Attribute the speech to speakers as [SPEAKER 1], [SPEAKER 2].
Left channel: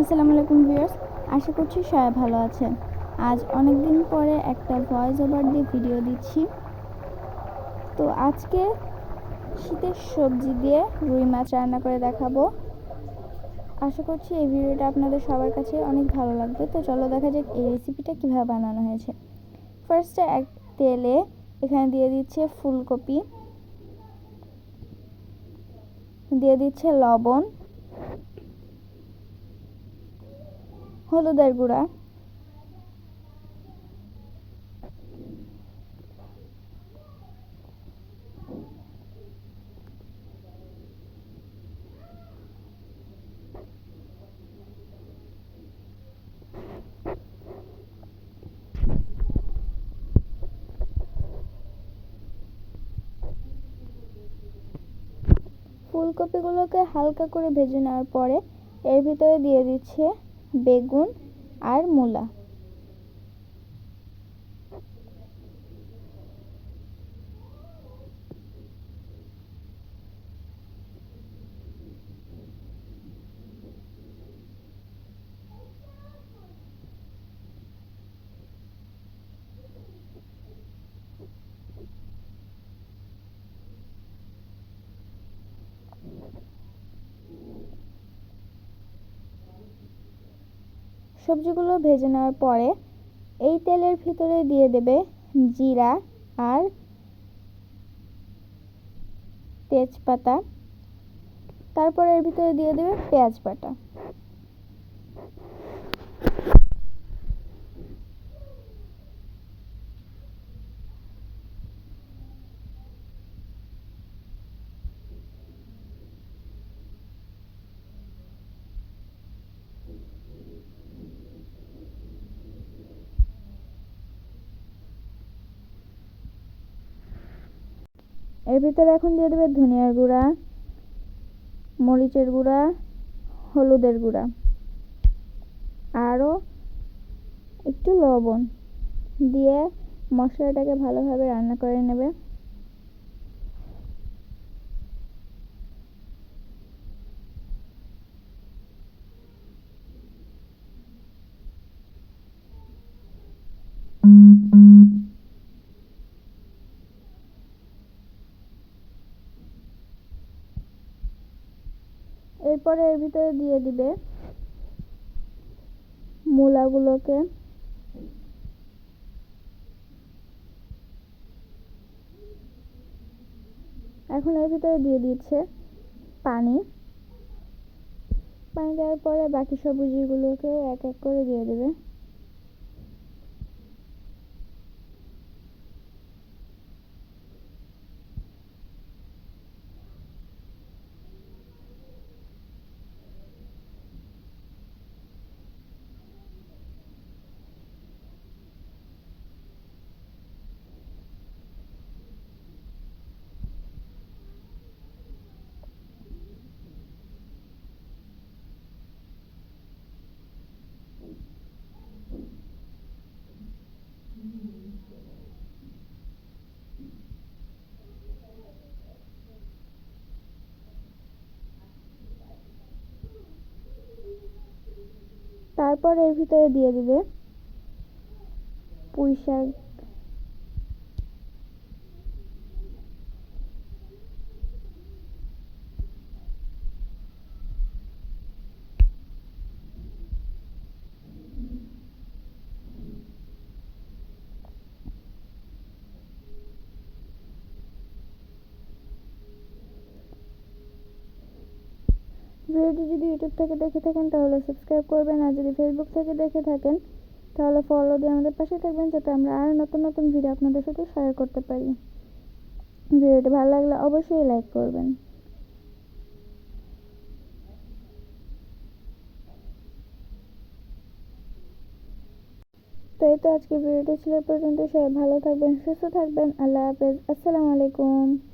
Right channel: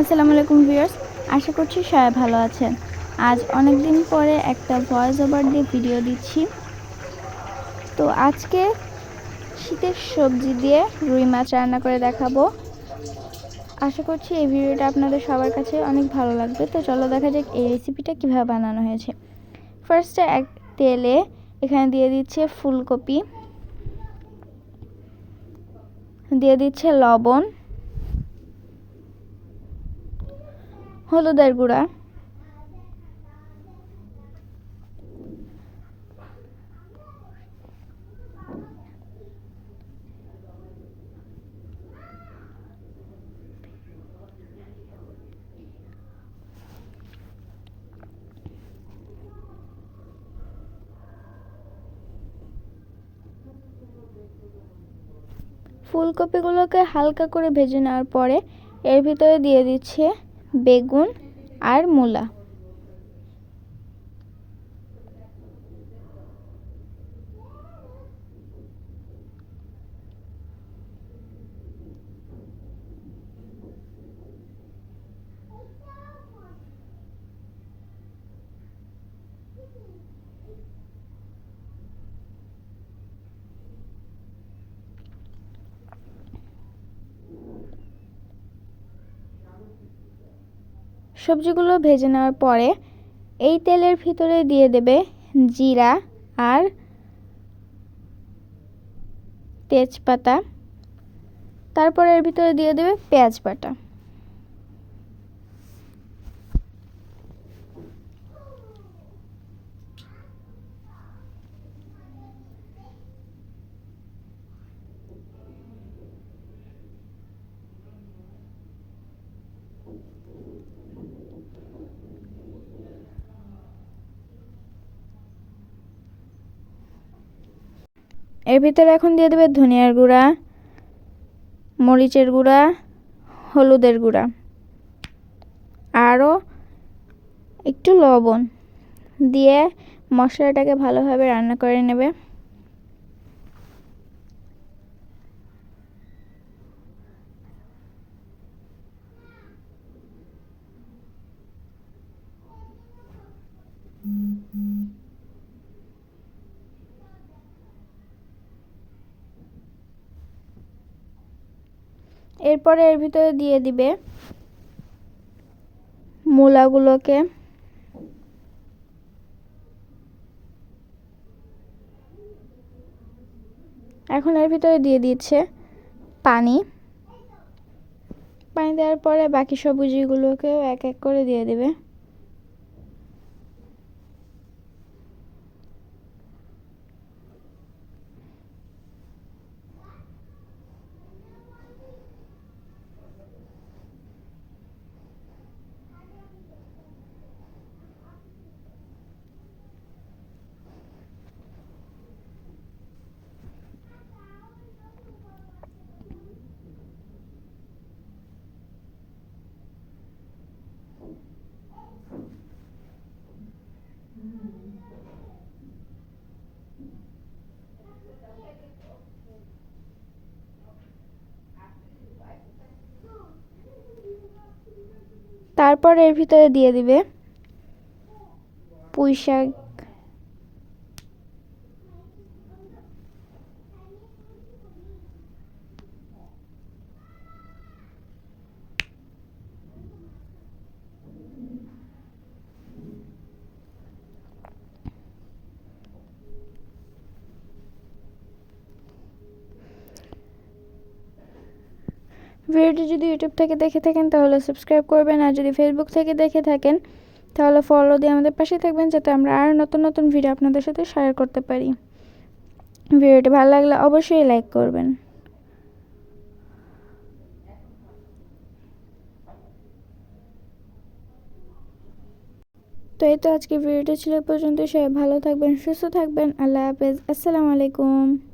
[SPEAKER 1] আসসালামু আলাইকুম ভিউয়ার্স, আশা করছি সবাই ভালো আছেন আজ অনেক দিন পরে একটা ভয়েস ওভার দিয়ে ভিডিও দিচ্ছি। তো আজকে শীতের সবজি দিয়ে রুই মাছ রান্না করে দেখাবো। আশা করছি এই ভিডিওটা আপনাদের সবার কাছে অনেক ভালো লাগবে। তো চলো দেখা যাক এই রেসিপিটা কীভাবে বানানো হয়েছে। ফার্স্টে এক তেলে এখানে দিয়ে দিচ্ছে ফুলকপি। দিয়ে দিচ্ছে লবণ। হলুদের গুঁড়া। ফুলকপিগুলোকে হালকা করে ভেজে নেওয়ার পরে এর ভিতরে দিয়ে দিচ্ছে বেগুন আর মূলা। সবজিগুলো ভেজে নেওয়ার পরে এই তেলের ভিতরে দিয়ে দেবে জিরা আর তেজপাতা। তারপর এর ভিতরে দিয়ে দেবে পেঁয়াজ বাটা। এর ভিতরে এখন দিয়ে দেবে ধনিয়ার গুঁড়া, মরিচের গুঁড়া, হলুদের গুঁড়া, আরও একটু লবণ দিয়ে মশলাটাকে ভালোভাবে রান্না করে নেবে। এরপরে এর ভিতরে দিয়ে দিবে মূলাগুলোকে। এখন এর ভিতরে দিয়ে দিচ্ছে পানি। পানি দেওয়ার পরে বাকি সবজিগুলোকেও এক এক করে দিয়ে দেবে। তারপর এর ভিতরে দিয়ে দিবে। পুঁই শাক ভিডিওটি যদি ইউটিউব থেকে দেখে থাকেন, তাহলে সাবস্ক্রাইব করবেন। আর যদি ফেসবুক থেকে দেখে থাকেন, তাহলে ফলো দিয়ে আমাদের পাশে থাকবেন, যাতে আমরা আরও নতুন নতুন ভিডিও আপনাদের সাথে শেয়ার করতে পারি। ভিডিওটি ভালো লাগলে অবশ্যই লাইক করবেন। তো এই তো আজকে ভিডিওটা ছিল পর্যন্ত সবাই ভালো থাকবেন, সুস্থ থাকবেন। আল্লাহ হাফেজ। আসসালামু আলাইকুম।